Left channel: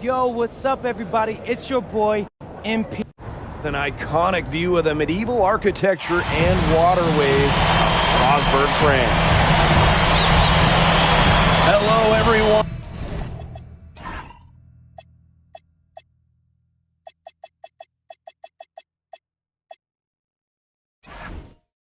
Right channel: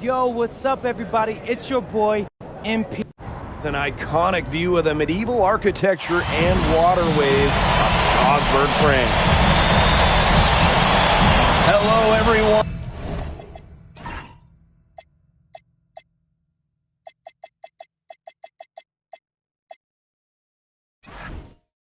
Yo, what's up, everybody? It's your boy, MP. An iconic view of the medieval architecture and waterways of Strasbourg, France. Hello, everyone.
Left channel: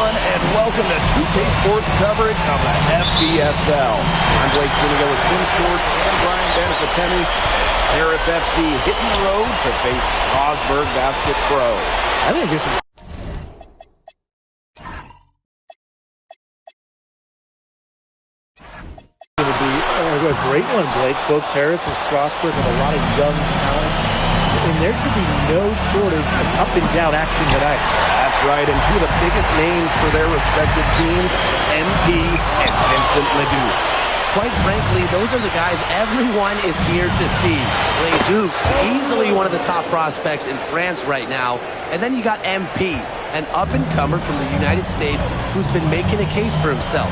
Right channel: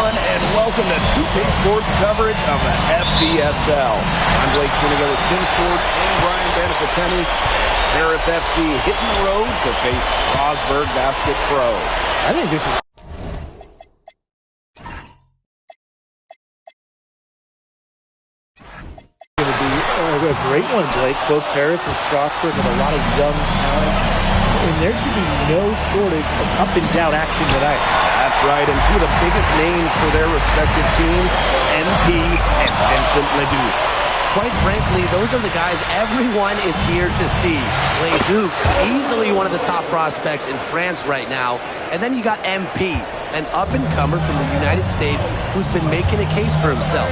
And welcome to 2K Sports coverage of the FBSL. I'm Blake Suniga with Tim Sports and Brian Beneficenti. It's Paris FC hitting the road to face Strasbourg Basket Pro. I think this is going to be a great one, Blake. Both Paris and Strasbourg have a lot of young talent, and there should be no shortage of up-and-down action tonight. That's right, and two of the biggest names for their respective teams, MP and Vincent Ledoux. Quite frankly, those are the guys everyone is here to see. Ledoux, easily one of the top prospects in France right now. And then you got MP, an up-and-comer from the United States who's been making a case for himself.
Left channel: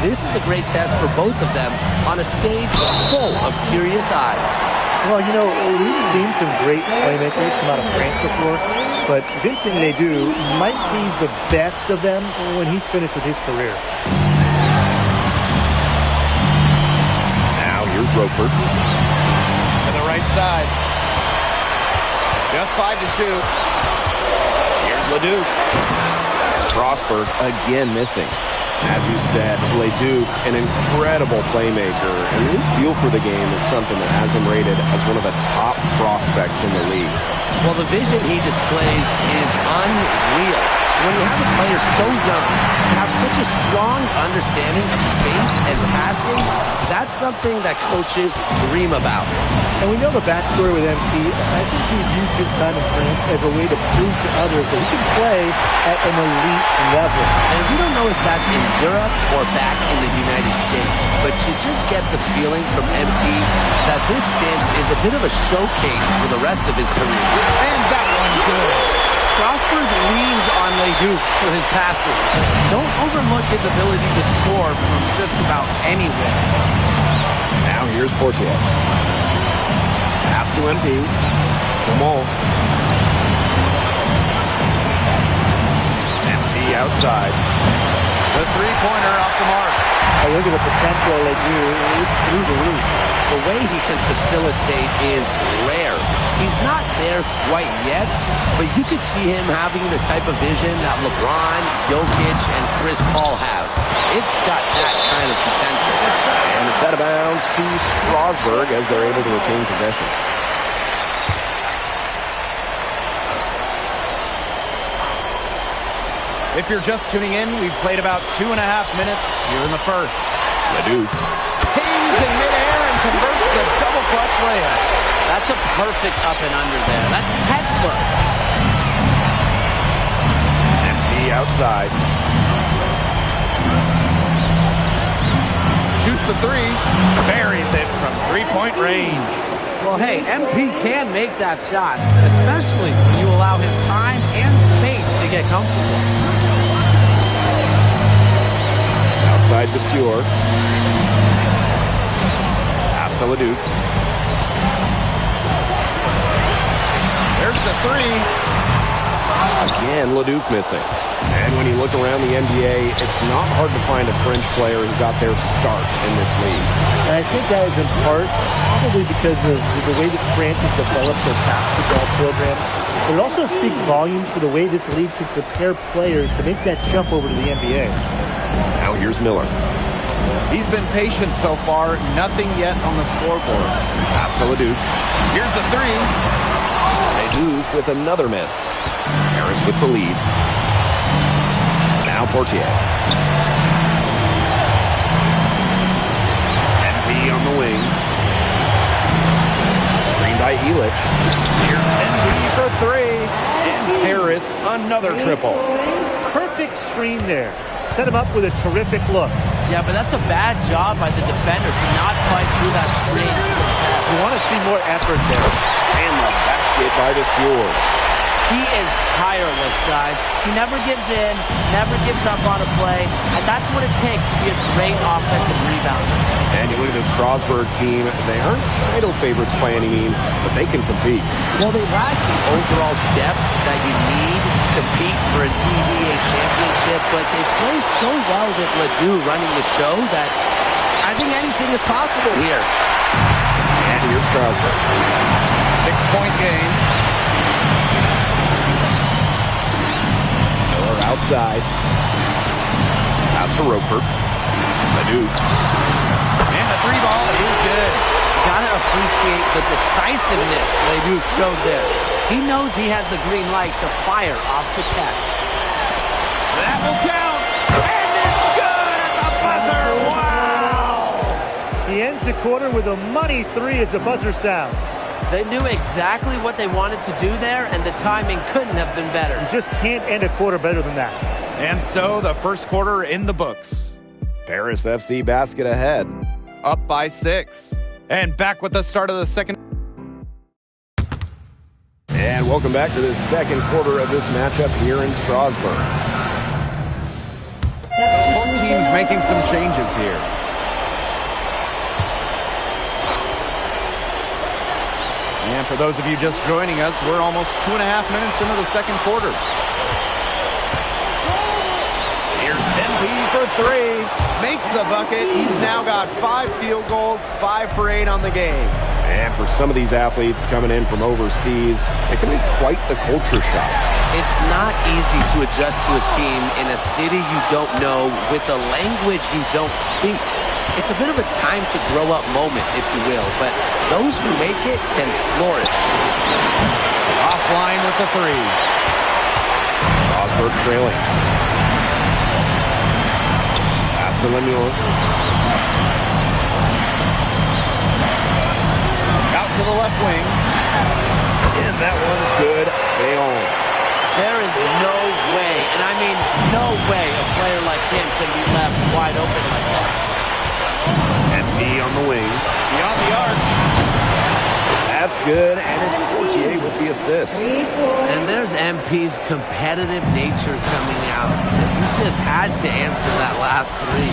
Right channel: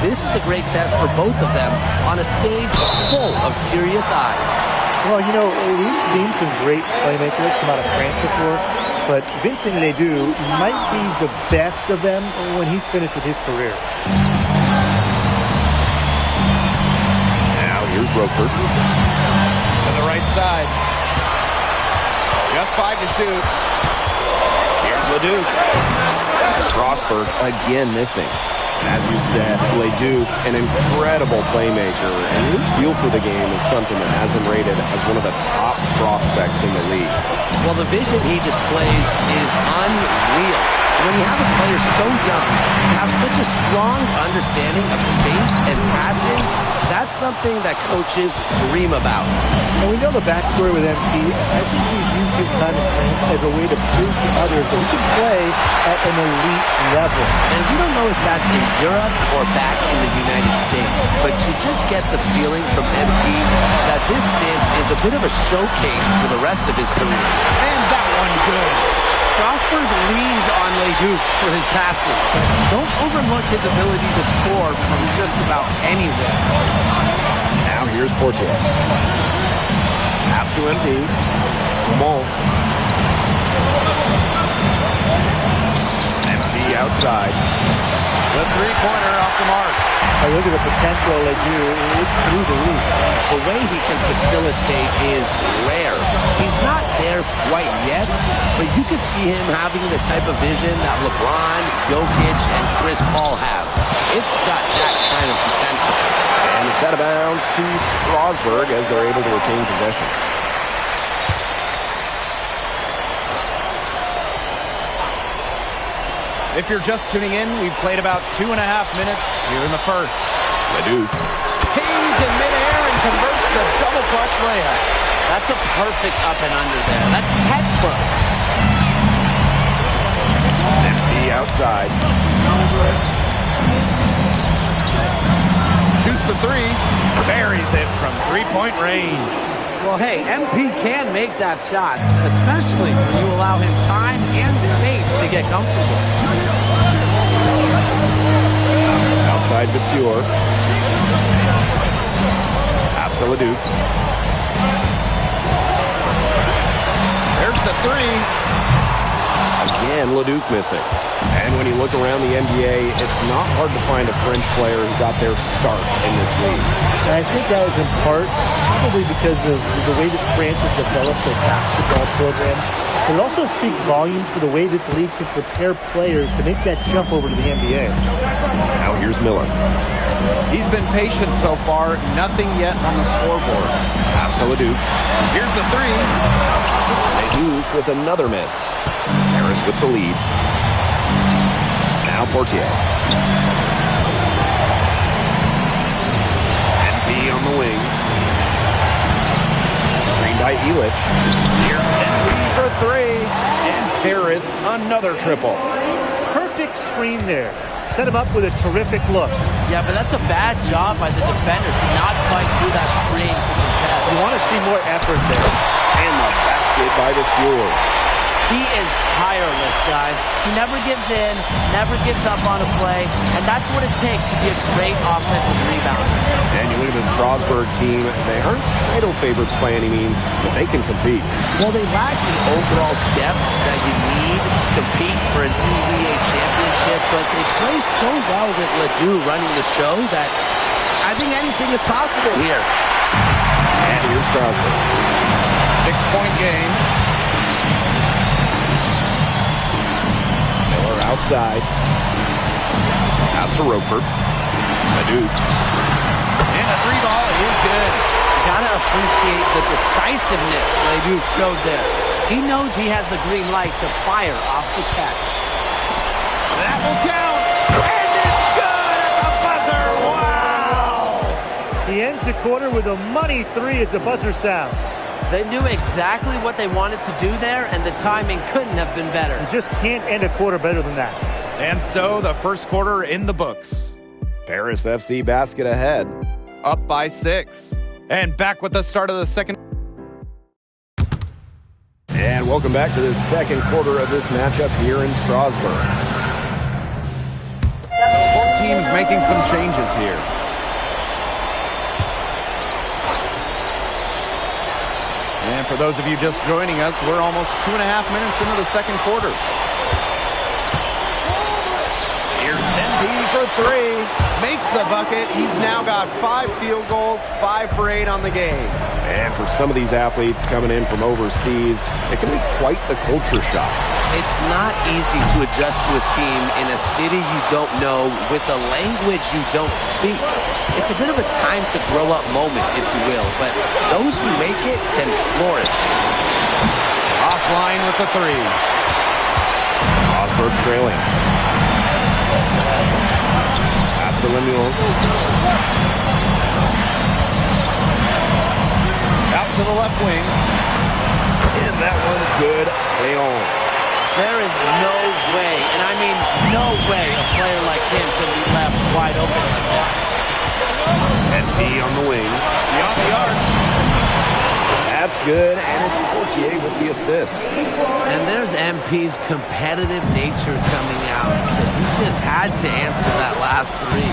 This is a great test for both of them on a stage full of curious eyes. Well, you know, we've seen some great playmakers come out of France before, but Vincent Ledoux might be the best of them when he's finished with his career. Now here's Roper. To the right side. Just 5 to shoot. Here's Ledoux. Strasbourg again missing. And as you said, Ledoux, an incredible playmaker, and his feel for the game is something that has him rated as one of the top prospects in the league. Well, the vision he displays is unreal. When you have a player so young to have such a strong understanding of space and passing, that's something that coaches dream about. And we know the backstory with MP. I think he's used his time in France as a way to prove to others that he can play at an elite level. And we don't know if that's in Europe or back in the United States, but you just get the feeling from MP that this stint is a bit of a showcase for the rest of his career. And that one good. Strasbourg leans on Ledoux for his passing. Don't overlook his ability to score from just about anywhere. Now here's Portier. Pass to MP. Come on. MP outside. The three-pointer off the mark. I look at the potential of Ledoux. It's through the roof. The way he can facilitate is rare. He's not there quite yet, but you could see him having the type of vision that LeBron, Jokic, and Chris Paul have. It's got that kind of potential. And it's out of bounds to Strasbourg as they're able to retain possession. If you're just tuning in, we've played about 2.5 minutes here in the first. Ledoux. Pings in midair and converts the double clutch layup. That's a perfect up and under there. That's textbook. MP outside. Shoots the three. Buries it from three-point range. Well, hey, MP can make that shot, especially when you allow him time and space to get comfortable. Outside Vasseur. Pass to Ledoux. There's the three. Again, Ledoux missing. And when you look around the NBA, it's not hard to find a French player who got their start in this league. And I think that is in part probably because of the way that France has developed their basketball program. But it also speaks volumes for the way this league can prepare players to make that jump over to the NBA. Now here's Miller. He's been patient so far. Nothing yet on the scoreboard. Pass to Leduc. Here's the three. Leduc with another miss. Harris with the lead. Now Portier. NP on the wing. Screen by Elich. Here's NP for three. And Harris, another triple. Perfect screen there. Set him up with a terrific look. Yeah, but that's a bad job by the defender to not fight through that screen to contest. You want to see more effort there. And the basket by the Steward. He is tireless, guys. He never gives in, never gives up on a play, and that's what it takes to be a great offensive rebounder. And you look at the Strasburg team, they aren't title favorites by any means, but they can compete. Well, they lack the overall depth that you need to compete for an EVA championship, but they play so well with Ledoux running the show that I think anything is possible here. And here's Strasburg. 6-point game. Miller outside. Pass to Roper. Ledoux. And the three ball is good. You gotta appreciate the decisiveness Leduc showed there. He knows he has the green light to fire off the catch. That will count. And it's good at the buzzer. Wow! He ends the quarter with a money three as the buzzer sounds. They knew exactly what they wanted to do there, and the timing couldn't have been better. You just can't end a quarter better than that. And so the first quarter in the books. Paris FC basket ahead. Up by 6. And back with the start of the second. And welcome back to the second quarter of this matchup here in Strasbourg. Both teams making some changes here. And for those of you just joining us, we're almost 2.5 minutes into the second quarter. Here's MP for three. Makes the bucket. He's now got 5 field goals, 5 for 8 on the game. And for some of these athletes coming in from overseas, it can be quite the culture shock. It's not easy to adjust to a team in a city you don't know with a language you don't speak. It's a bit of a time to grow up moment, if you will, but those who make it can flourish. Offline with the three. Strasburg trailing. Pass to Lemuel. Out to the left wing. And that one's good. They own. There is no way, and I mean no way, a player like him can be left wide open like that. NP on the wing. Beyond the arc. That's good, and it's Portier with the assist. And there's MP's competitive nature coming out. So he just had to answer that last three.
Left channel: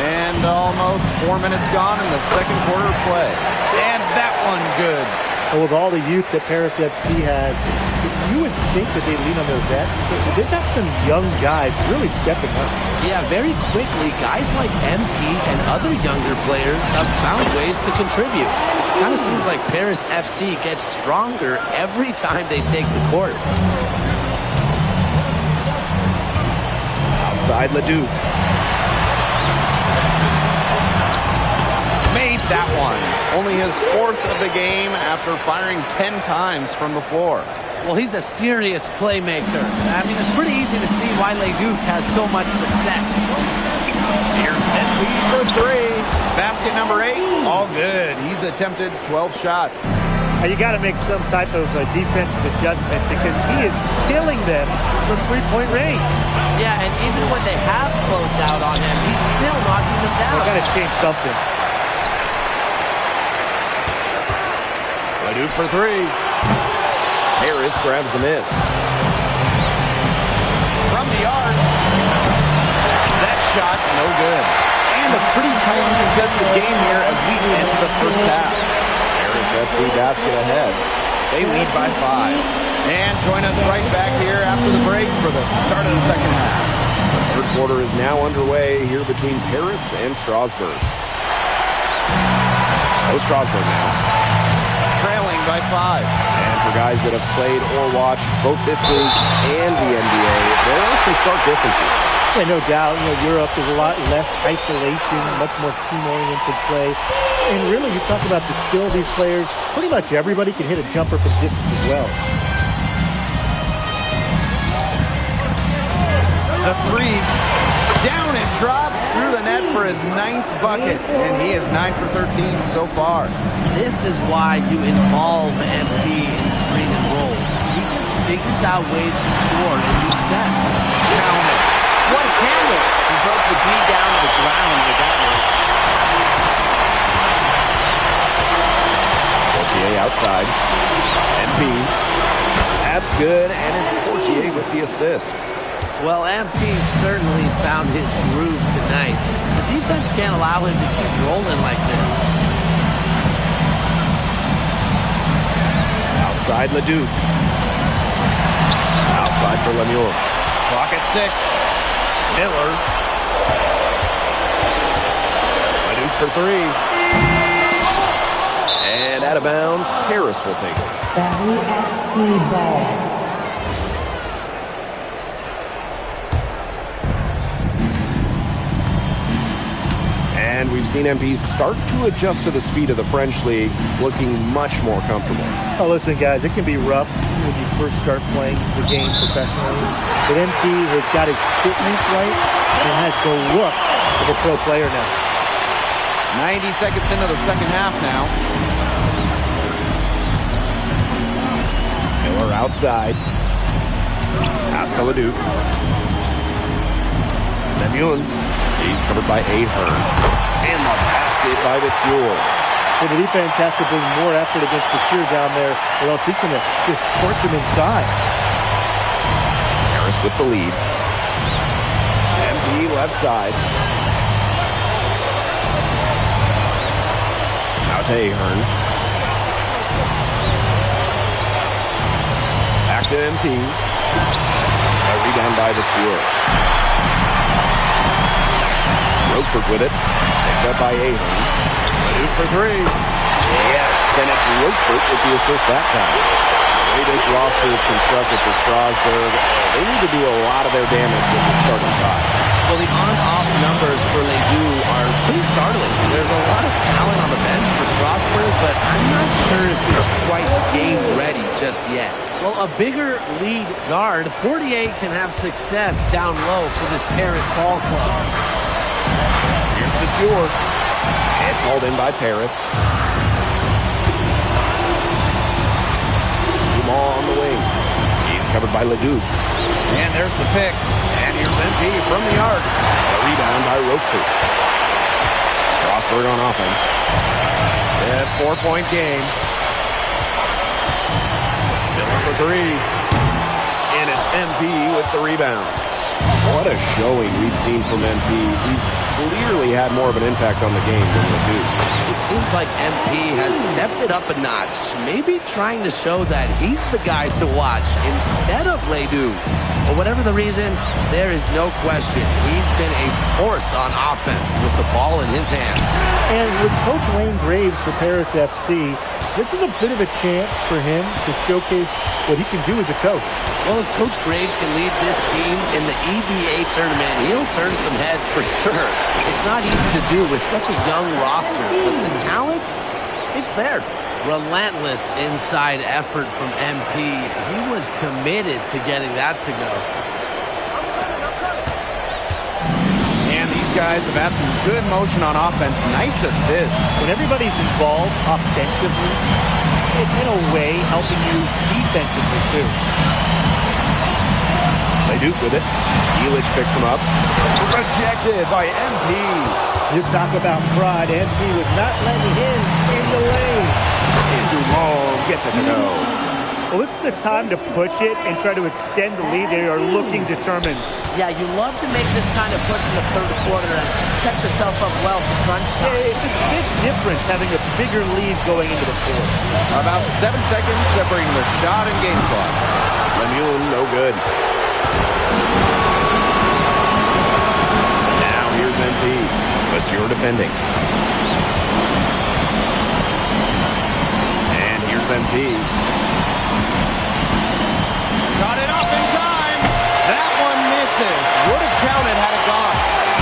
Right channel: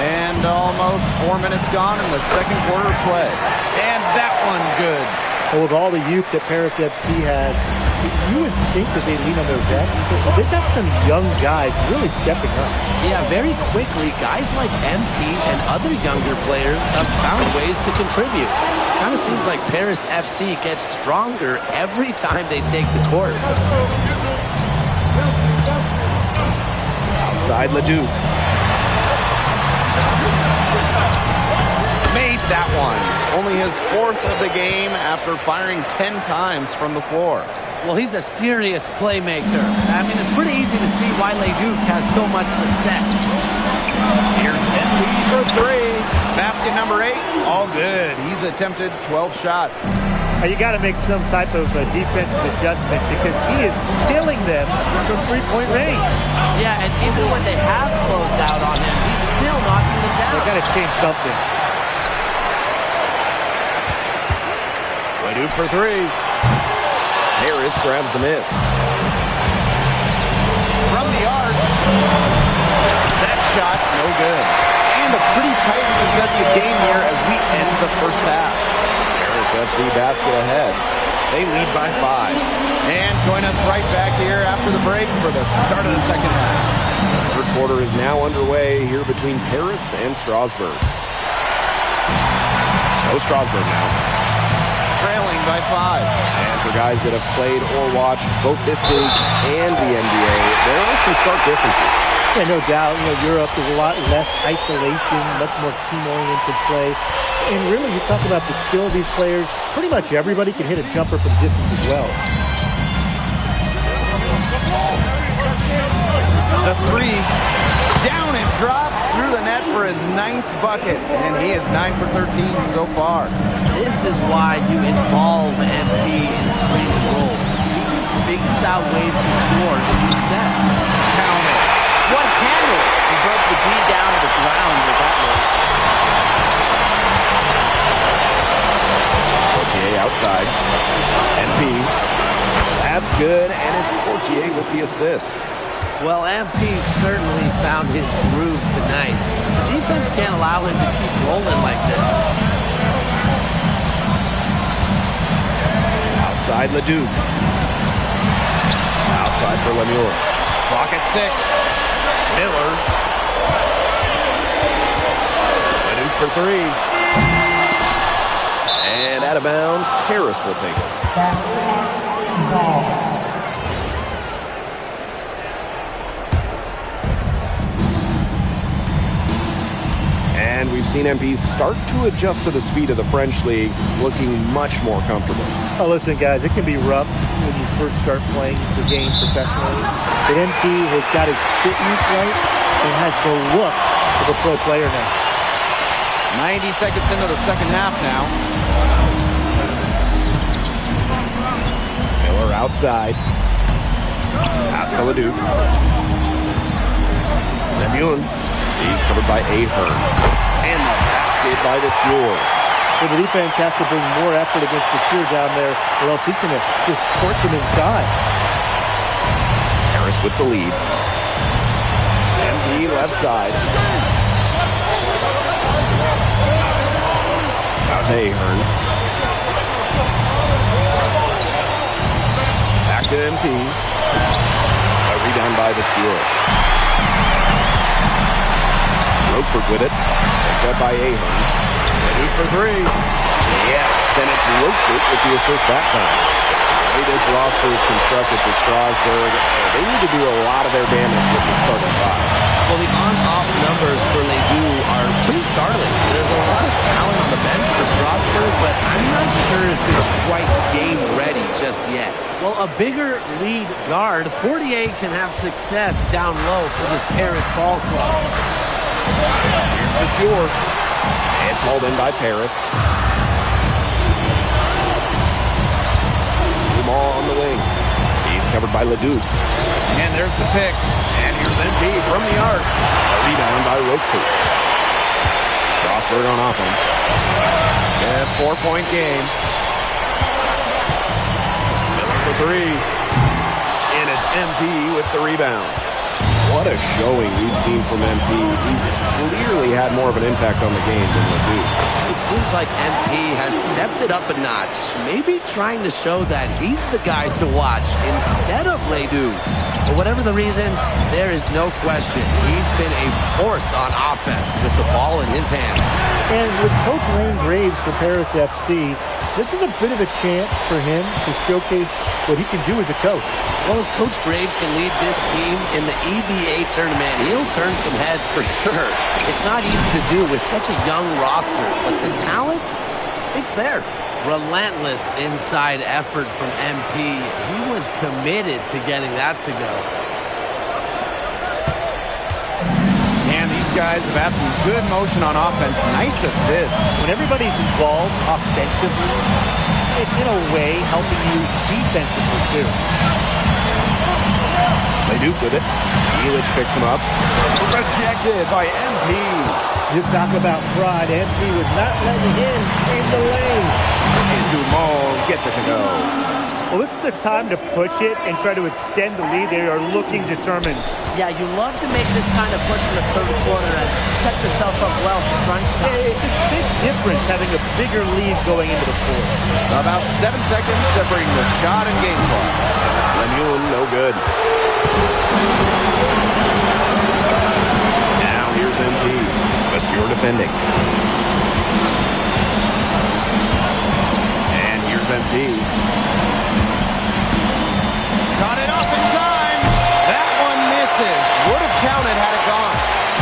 And almost 4 minutes gone in the second quarter of play. And that one good. Well, with all the youth that Paris FC has, you would think that they lean on their vets, but they've got some young guys really stepping up. Yeah, very quickly, guys like MP and other younger players have found ways to contribute. Kind of seems like Paris FC gets stronger every time they take the court. Outside Leduc. Made that one. Only his 4th of the game after firing 10 times from the floor. Well, he's a serious playmaker. I mean, it's pretty easy to see why Leduc has so much success. Here's NP for three. Basket number 8. All good. He's attempted 12 shots. You got to make some type of defensive adjustment because he is killing them from three-point range. Yeah, and even when they have closed out on him, he's still knocking them down. They got to change something. Leduc for three. Harris grabs the miss. From the arc. That shot, no good. And a pretty tightly contested game here as we end the first half. Paris FC basket ahead. They lead by 5. And join us right back here after the break for the start of the second half. The third quarter is now underway here between Paris and Strasburg. So Strasburg now. Trailing by 5. And for guys that have played or watched both this league and the NBA, there are some stark differences. Yeah, no doubt. Europe, there's a lot less isolation, much more team-oriented play. And really, you talk about the skill of these players, pretty much everybody can hit a jumper from distance as well. The 3. Down it drops through the net for his 9th bucket. And he is 9 for 13 so far. This is why you involve MP in screen and rolls. He just figures out ways to score in these sets. Count it. What handles? He broke the D down to the ground with that move. Portier outside. MP. That's good, and it's Portier with the assist. Well, MP certainly found his groove tonight. The defense can't allow him to keep rolling like this. Outside Leduc. Outside for Lemieux. Clock at 6. Miller. Leduc for 3. And out of bounds, Paris will take it. WFC ball. And we've seen MP start to adjust to the speed of the French league, looking much more comfortable. Oh, listen, guys, it can be rough when you first start playing the game professionally. But MP has got his fitness right and has the look of a pro player now. 90 seconds into the second half now. Miller outside. Pass to Leduc. Lemieux. He's covered by Ahern. And the basket by Vasseur. So the defense has to bring more effort against Vasseur down there, or else he's going to just torch him inside. Harris with the lead. MP left side. Out to Ahern. Back to MP. A rebound by Vasseur. Roquefort with it. Picked up by Ahern. Leduc for 3. Yes, and it's Roquefort with the assist that time. The way this roster is constructed for Strasburg, they need to do a lot of their damage with the starting 5. Well, the on-off numbers for Ledoux are pretty startling. There's a lot of talent on the bench for Strasburg, but I'm not sure if it's quite game ready just yet. Well, a bigger lead guard, Portier can have success down low for this Paris ball club. Here's Vasseur. It's hauled in by Paris. Dumas on the wing. He's covered by Leduc. And there's the pick. And here's MP from the arc. A rebound by Roquefort. Strasburg on offense. A 4-point game. Miller for 3. And it's MP with the rebound. What a showing we've seen from MP. He's clearly had more of an impact on the game than Ledoux. It seems like MP has stepped it up a notch, maybe trying to show that he's the guy to watch instead of Ledoux. But whatever the reason, there is no question he's been a force on offense with the ball in his hands. And with Coach Wayne Graves for Paris FC, this is a bit of a chance for him to showcase what he can do as a coach. Well, if Coach Graves can lead this team in the EBA tournament, he'll turn some heads for sure. It's not easy to do with such a young roster, but the talent, it's there. Relentless inside effort from MP. He was committed to getting that to go. And these guys have had some good motion on offense. Nice assists. When everybody's involved offensively, it's in a way helping you defensively too. Leduc with it. Elich picks him up. Rejected by MP. You talk about pride. MP was not letting him in the lane. And Dumas gets it to go. Well, this is the time to push it and try to extend the lead. They are looking determined. Yeah, you love to make this kind of push in the third quarter and set yourself up well for crunch time. It's a big difference having a bigger lead going into the fourth. About 7 seconds separating the shot and game clock. Lemuel, no good. Now here's MP. Monsieur defending. And here's MP. Got it off in time. That one misses. Would have counted had it gone.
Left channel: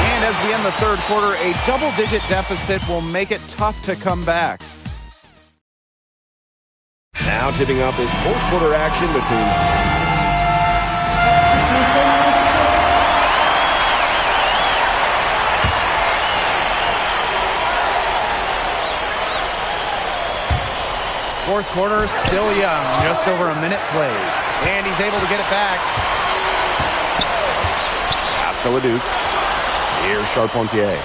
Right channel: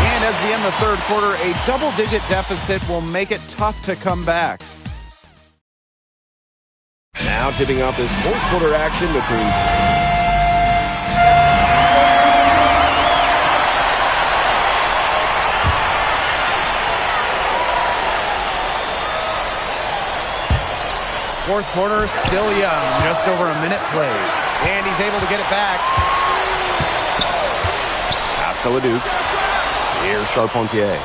And as we end the third quarter, a double-digit deficit will make it tough to come back. Now tipping off this fourth quarter action between fourth quarter, still young. Just over a minute played. And he's able to get it back. pass to Leduc. Here's Charpentier.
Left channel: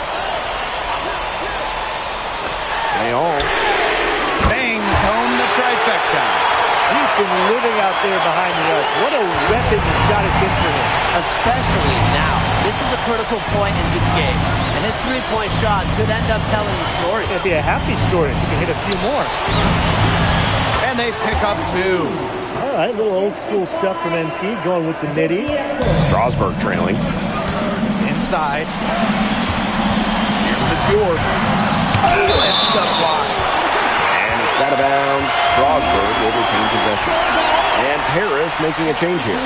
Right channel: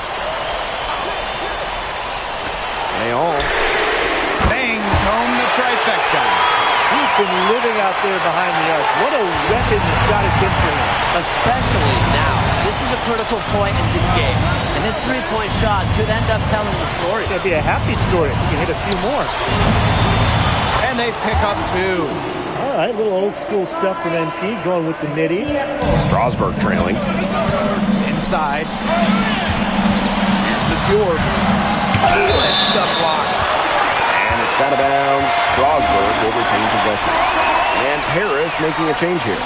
Leon Bangs home the trifecta. He's been living out there behind the arc. What a weapon this shot has been for him. Especially now. This is a critical point in this game. And his three-point shot could end up telling the story. It'd be a happy story if he can hit a few more. And they pick up 2. All right, little old school stuff from MP going with the nitty. Strasburg trailing. Inside. Here's Monsieur. He lifts the block. And it's out of bounds. Strasburg will retain possession. And Paris making a change here.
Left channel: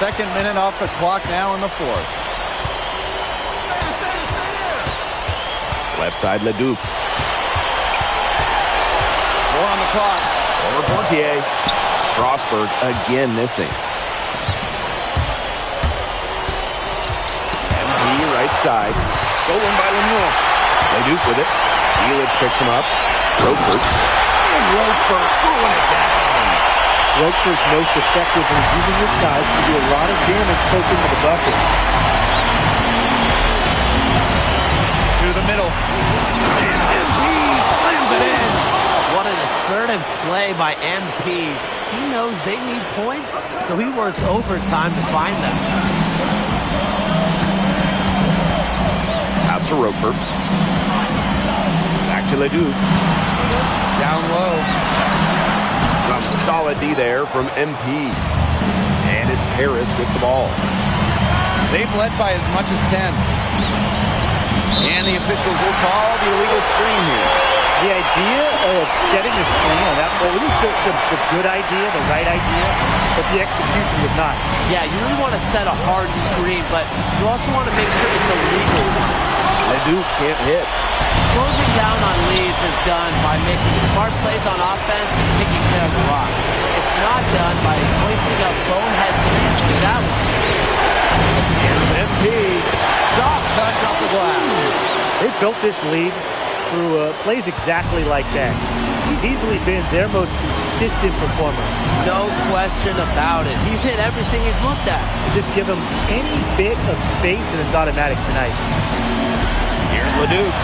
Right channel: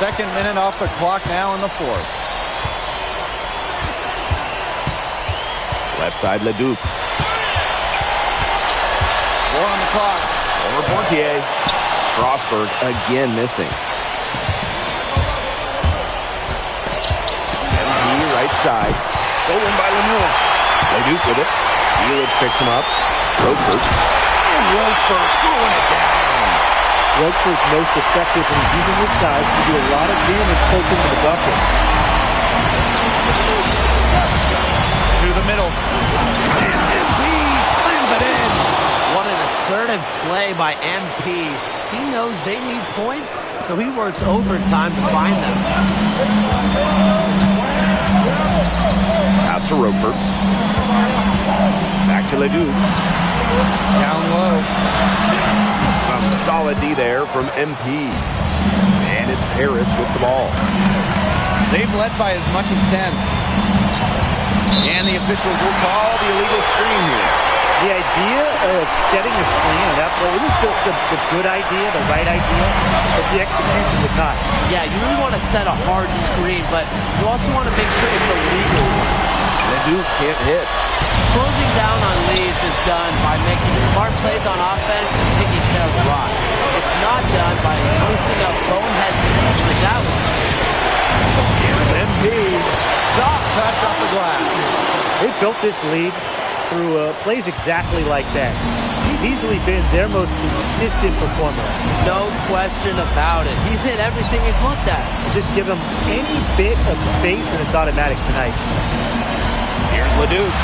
Second minute off the clock now in the fourth. Left side, Leduc. 4 on the clock. Over Portier. Strasburg again missing. MP right side. Stolen by Lemuel. Leduc with it. Elitch picks him up. Roquefort. And Roquefort throwing it down. Roquefort's most effective when he's using his size to do a lot of damage close into the bucket. To the middle. And MP slams it in. What an assertive play by MP. He knows they need points, so he works overtime to find them. Pass to Roquefort. Back to Leduc. Down low. Some solid D there from MP. And it's Paris with the ball. They've led by as much as 10. And the officials will call the illegal screen here. The idea of setting a screen on that play, it was the good idea, the right idea, but the execution was not. Yeah, you really want to set a hard screen, but you also want to make sure it's a legal one. Leduc can't hit. Closing down on leads is done by making smart plays on offense and taking care of the rock. It's not done by hoisting up bonehead threes like that one. Here's MP. Soft touch off the glass. They built this lead through plays exactly like that. He's easily been their most consistent performer. No question about it. He's hit everything he's looked at. Just give him any bit of space and it's automatic tonight. Here's Leduc.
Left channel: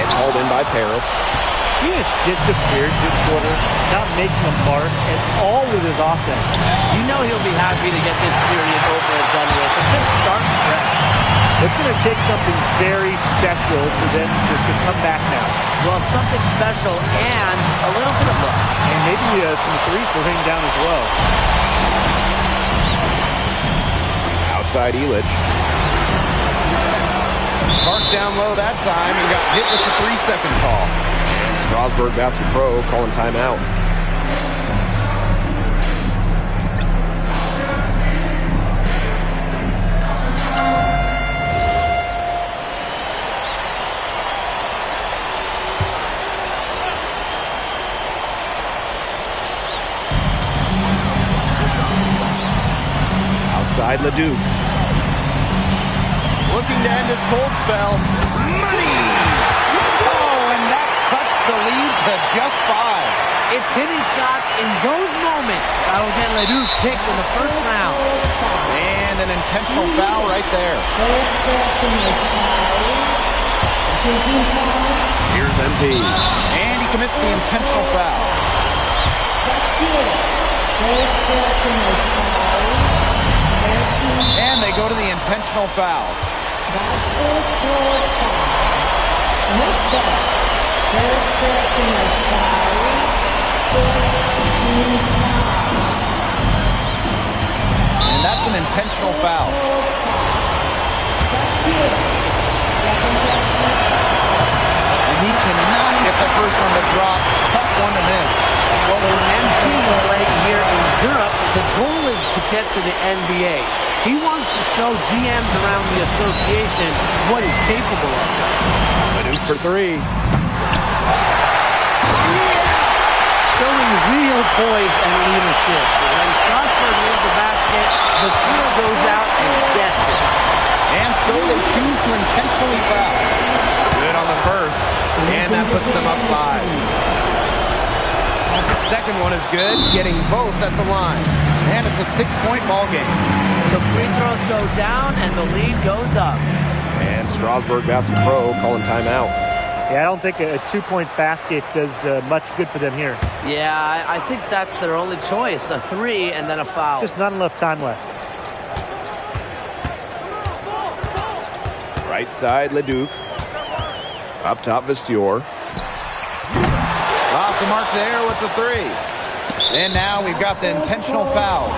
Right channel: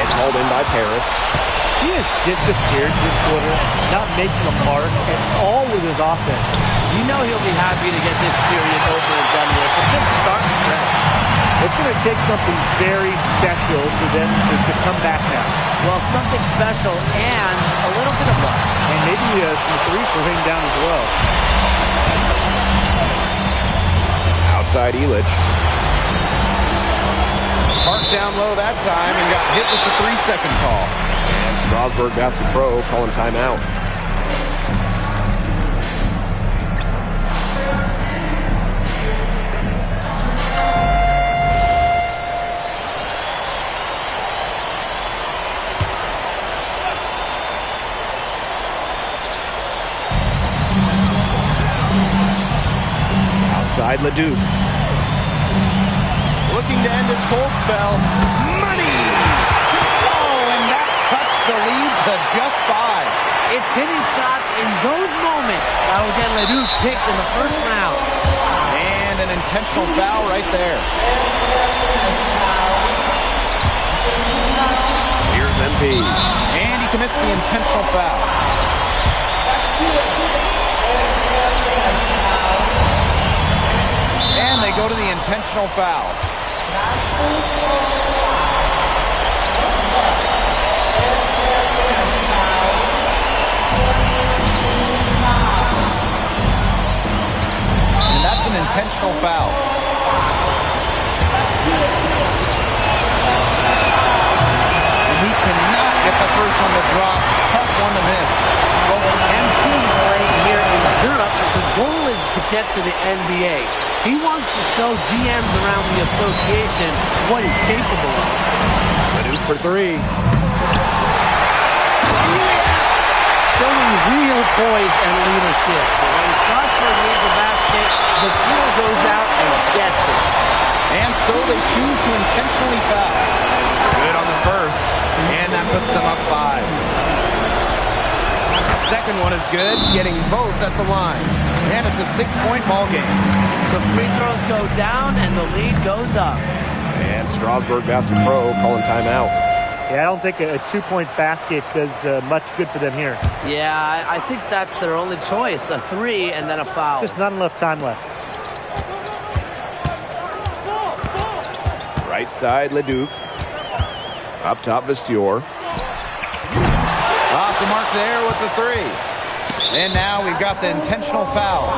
It's hauled in by Paris. He has disappeared this quarter, not making a mark at all with his offense. You know he'll be happy to get this period over and done with and just start fresh. It's going to take something very special for them to come back now. Well, something special and a little bit of luck. And maybe some threes to rain down as well. Outside Elitch. Parked down low that time and got hit with the 3-second call. And Strasburg Basket Pro calling timeout. Outside Leduc. Looking to end his cold spell. Money! Oh, and that cuts the lead to just 5. It's hitting shots in those moments that'll get Leduc picked in the first round. And an intentional foul right there. First personal foul. MP. And he commits the intentional foul. And they go to the intentional foul. And that's an intentional foul. And he cannot get the first one to drop. Tough one to miss. Well, for MP playing here in Europe, the goal is to get to the NBA. He wants to show GMs around the association what he's capable of. Leduc for three. Showing real poise and leadership. When Strasburg needs a basket, the steal goes out and gets it. And so they choose to intentionally foul. Good on the first, and that puts them up 5. Second one is good, getting both at the line. And it's a 6-point ball game. The free throws go down, and the lead goes up. And Strasburg Basket Pro calling timeout. Yeah, I don't think a 2-point basket does much good for them here. Yeah, I think that's their only choice. A 3 and then a foul. Just not enough time left. Right side, Leduc. Up top, Visior. Off the mark there with the 3. And now we've got the intentional foul.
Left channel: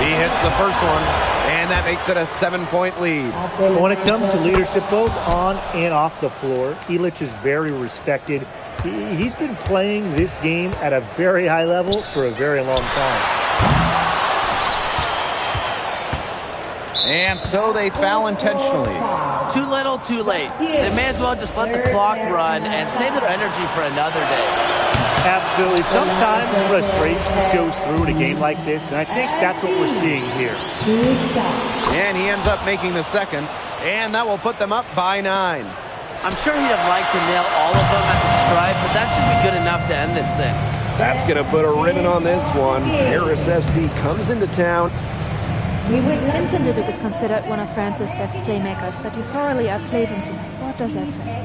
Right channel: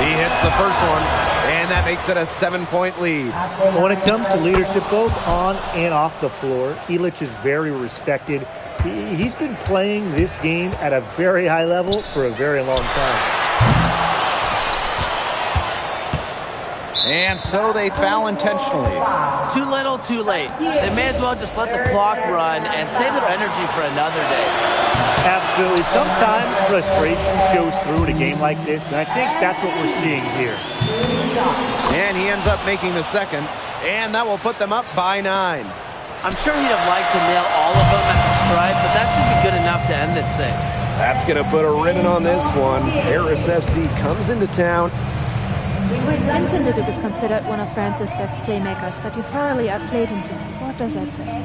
He hits the first one, and that makes it a 7-point lead. When it comes to leadership, both on and off the floor, Ilic is very respected. He's been playing this game at a very high level for a very long time. And so they foul intentionally. Too little, too late. They may as well just let the clock run and save their energy for another day. Absolutely. Sometimes frustration shows through in a game like this, and I think that's what we're seeing here. And he ends up making the second, and that will put them up by 9. I'm sure he'd have liked to nail all of them at the stripe, but that should be good enough to end this thing. That's going to put a ribbon on this one. Harris FC comes into town. Vincent Leduc is considered one of France's best playmakers, but you thoroughly outplayed him tonight. What does that say?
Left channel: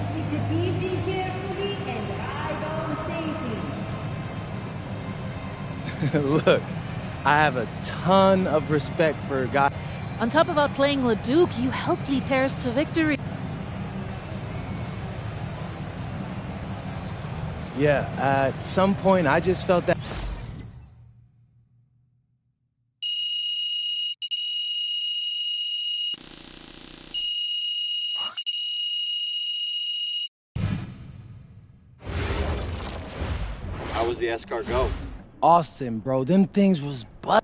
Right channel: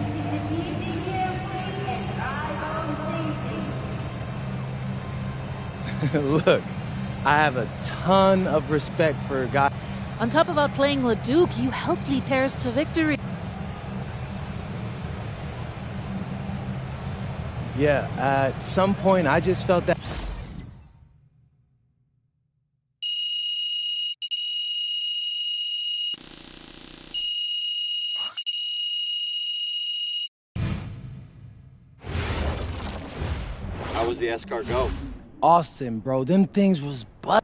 Look, I have a ton of respect for guys. On top of outplaying Leduc, you helped lead Paris to victory. Yeah, at some point I just felt that. How was the escort go? Austin, bro, them things was butt.